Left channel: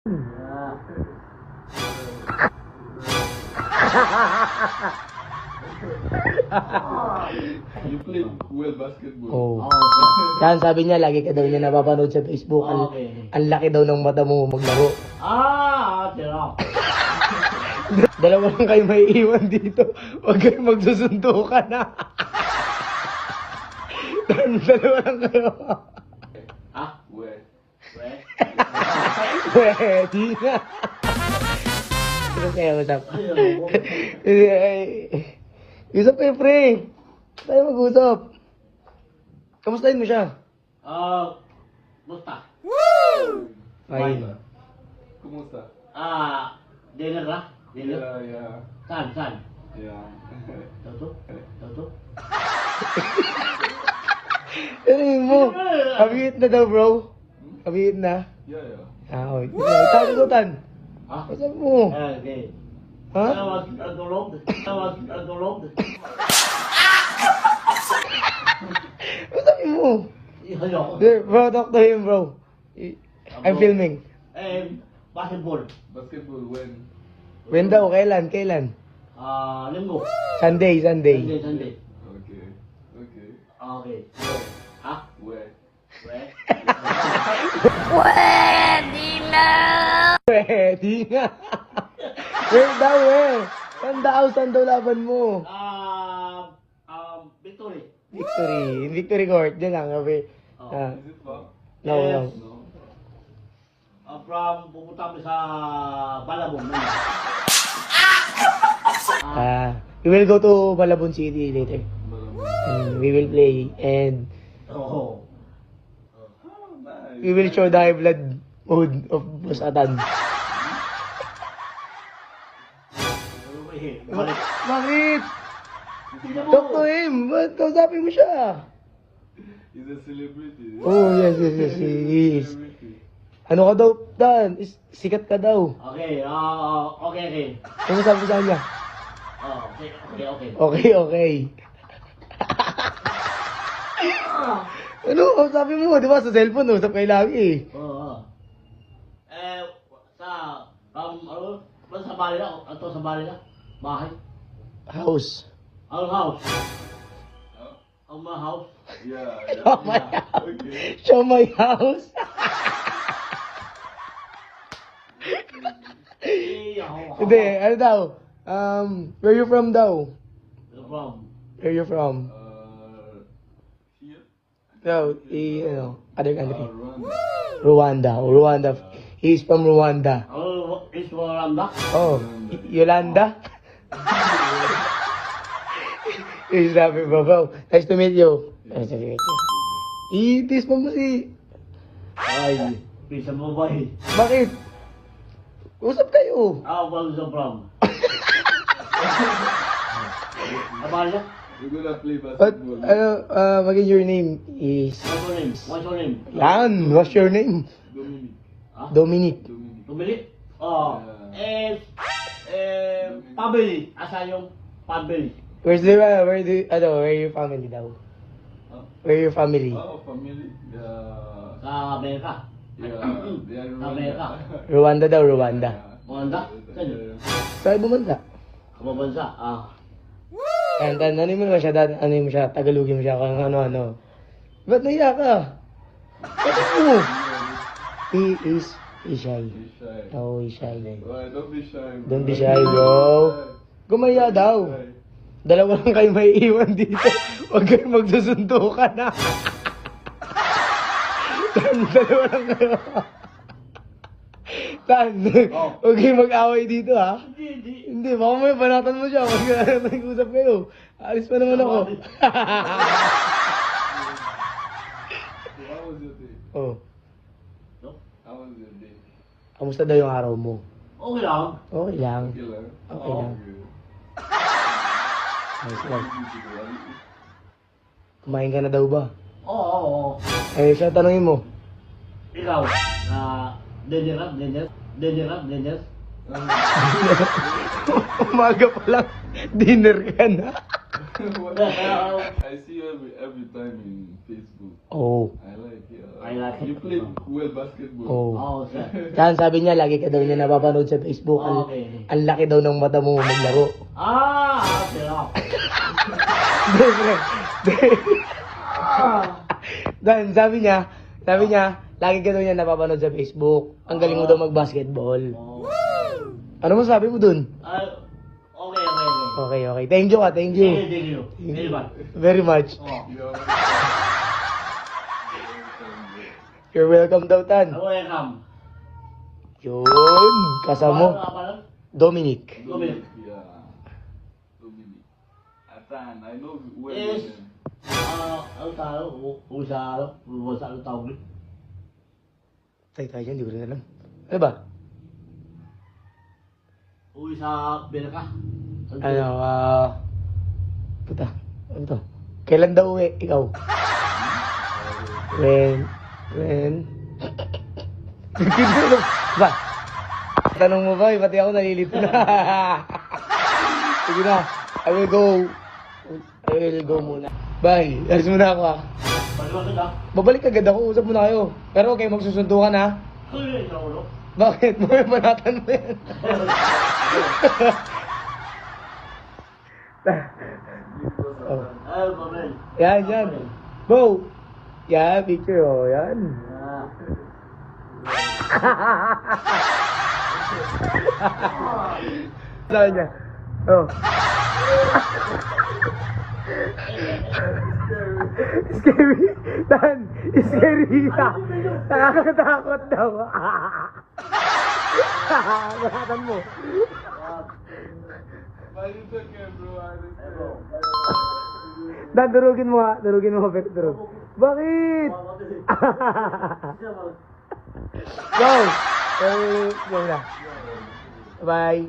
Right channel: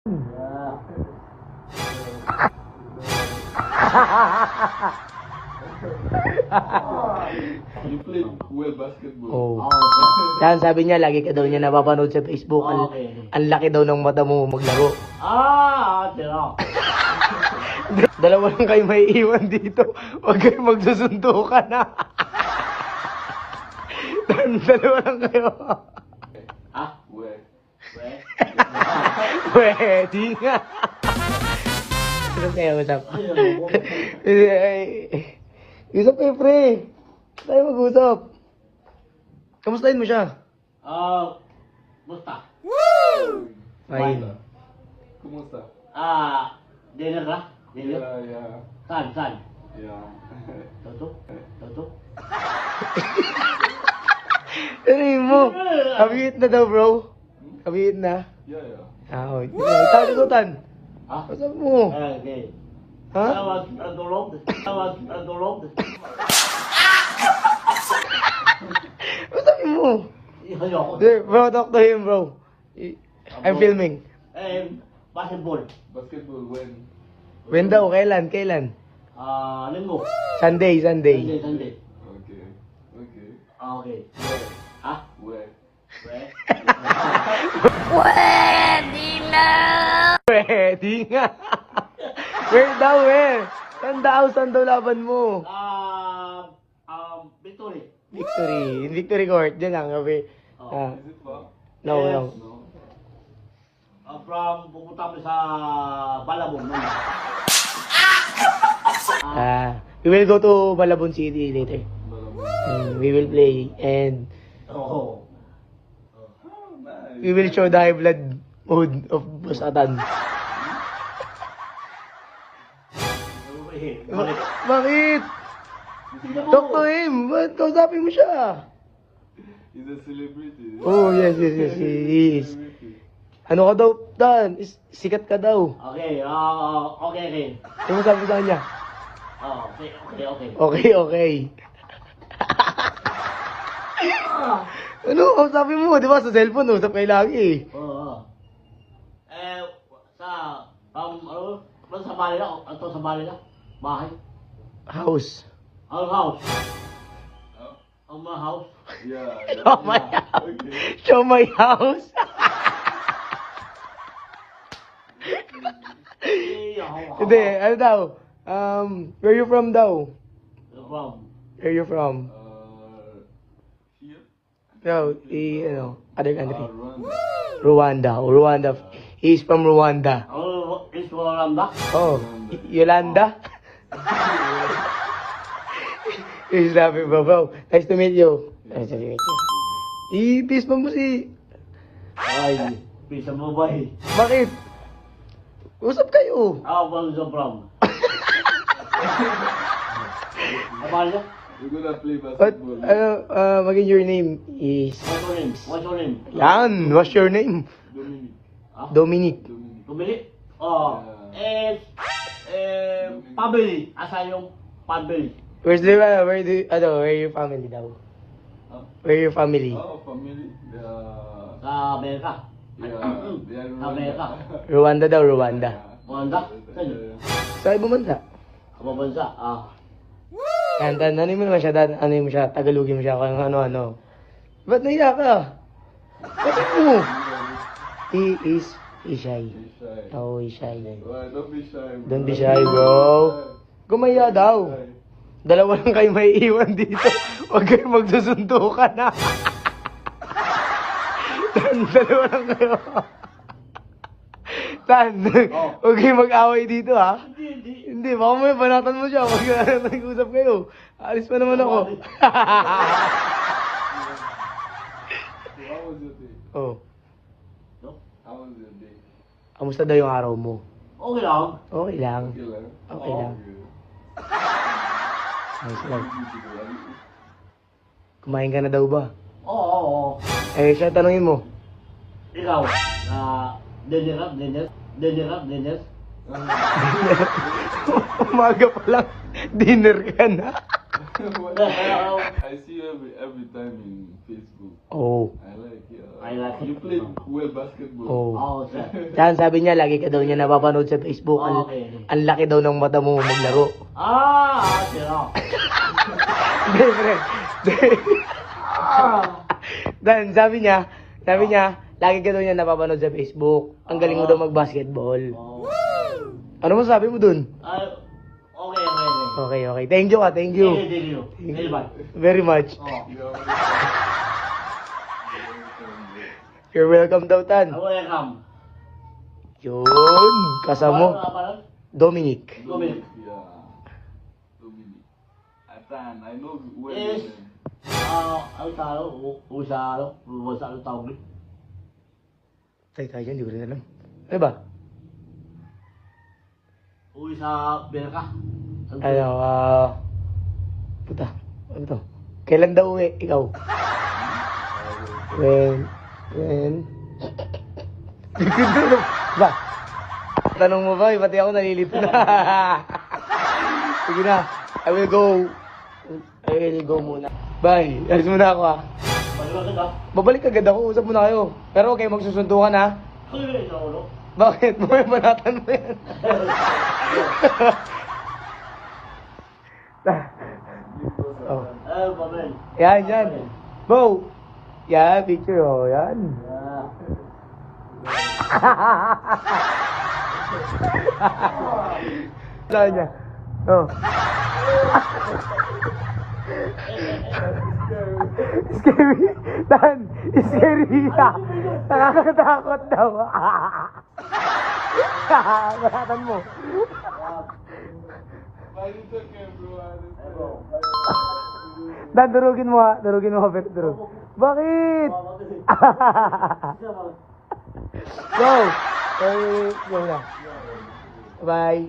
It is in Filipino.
You play well basketball. Oh. Yan, sabi niya, lagi ka daw niya napapanood sa Facebook. Ang laki daw ng mata mo maglaro. Tira. Dalawa lang kayo may iwan dito. Huwag kayo magsusuntukan na. Dalawa lang kayo. Where? Pwede nga. Ano kayo, usap? Usap kayo, pre. Tayo mag-usap. Kamustahin mo siya? Basta. Fine. Kumusta? Dinner na? Dinner? Yeah. Saan? Yeah. Toto? Ano yun mo? Kabihit na daw, bro. Kabihit na. Yeah. Oo. Ito, sagutan. Usap mo. Okay. Ha? Salamat sa tulog. Usapin mo. Ayoko. Bro, talk to him, bro. I'm filming. Basketball. Basketball when? When daw? Kailan? Linggo. Sunday. Sunday. Okay. Okay. Where? Pwede nga. Where daw, where? Saan daw laban mo? Victory. Victory Court. Diyan lang, kape. Is it far? No. No. Pupunta kami sa Balabong. We will go to Malabon City later. We will play and Oo. Nice. we will show the high blood mood of Basatan. Bakit? Talk to him. Ba't kausapin mo siya? He's a celebrity. Oh, yes, he is. Ano ka daw, Dan? Sikat ka daw. Okay. Kamusta mo sa kanya? Okay. Okay. Ano, kausapin mo, di ba? Sa cellphone, usap kayo lagi. Oo. Sa bali na? Ito sa bali na? Bahay? House. Ang house? Ang mga house? Yeah. Show my house. Okay. Show my house. Hindi, ano daw? Where you from daw? Where you from? Here? No, other country. Rwanda. Rwanda. He's from Rwanda. Is Rwanda? Oh, Yolanda? He's laughing, bro. Nice to meet you. Nice to meet you. I-peace mo si... Ay, pisa mo ba eh? Bakit? Usap kayo. Wala sa prom. Abali na? We're gonna play But, basketball. maging your name is... What's your name? Yan, what's your name? Dominic. Dominic. Tumili? Pabili. Asa yung pabili? Where your family daw? Where your family? Family. Sa Amerika. Sa Amerika. Rwanda daw, Rwanda. Rwanda? Saan? Sa ibang bansa. Kababansa? Yan, ano mo naman siya, ano mo siya, Tagalogin mo siya, kung ano-ano. Ba't naiya ka? Bakit mo? He is shy. Oh, he's shy. Don't be shy, bro. Don't be shy, bro. Gumaya daw. Dalawa lang kayo may iwan dito. Huwag kayo magsusuntukan na. Dalawa lang kayo. Tan, huwag kayo mag-away dito, ha? Hindi, baka may banatan mo siya. Huwag kayo nag-usap kayo. Alis pa naman ako. How was your day? Oh, How was your day? kamusta daw yung araw mo? Okay lang. Okay lang. Okay lang. Okay lang. Nice lang. Kumain ka na daw ba? Oo. Eh, siya tanongin mo. Ikaw, dinner? Umaga pa lang, dinner ka na. I see you every time in Facebook. Oh. I like it. I like it. You play well basketball. Oh. Oo, sir. Saan sabi niya, lagi ka daw niya napapanood sa Facebook. Okay. Ang laki daw ng mata mo maglaro. Sira. Dan, sabi niya, lagi ka daw niya napapanood sa Facebook. Ang galing mo daw mag-basketball. Ano mo sabi mo dun? Okay. Okay. Thank you. Thank you. Very much. You know, You're welcome daw, Tan. Welcome. Yun, kasama mo. Dominic. Dominic. yeah. Dominic. Atan, I know well. Yes. Ano tayo? Usalo. Ano tawag? Tayo, hindi ko rin alam. Ano ba? Uwi sa Berka. Puta. Ano to? Kailan daw uwi? Ikaw? When? Ba? Tanong mo ba? Pati ako nalilito na. Sige na. I will go muna. Bye. Alis muna ako ha. Babalik agad ako. Usap muna kayo. Pero okay, magsusundukan ha. Bakit? May manatan mo yan. Oh. Yan. Bo! Yan, picture oh. Yan. Saan niya? Oh. Scary. Dan, scary ka. Nakakatakot daw. Manatan mo. Why you took it, bro? Dan, durugin mo ha. Durugin mo. Bakit? Go! Go na. Bye.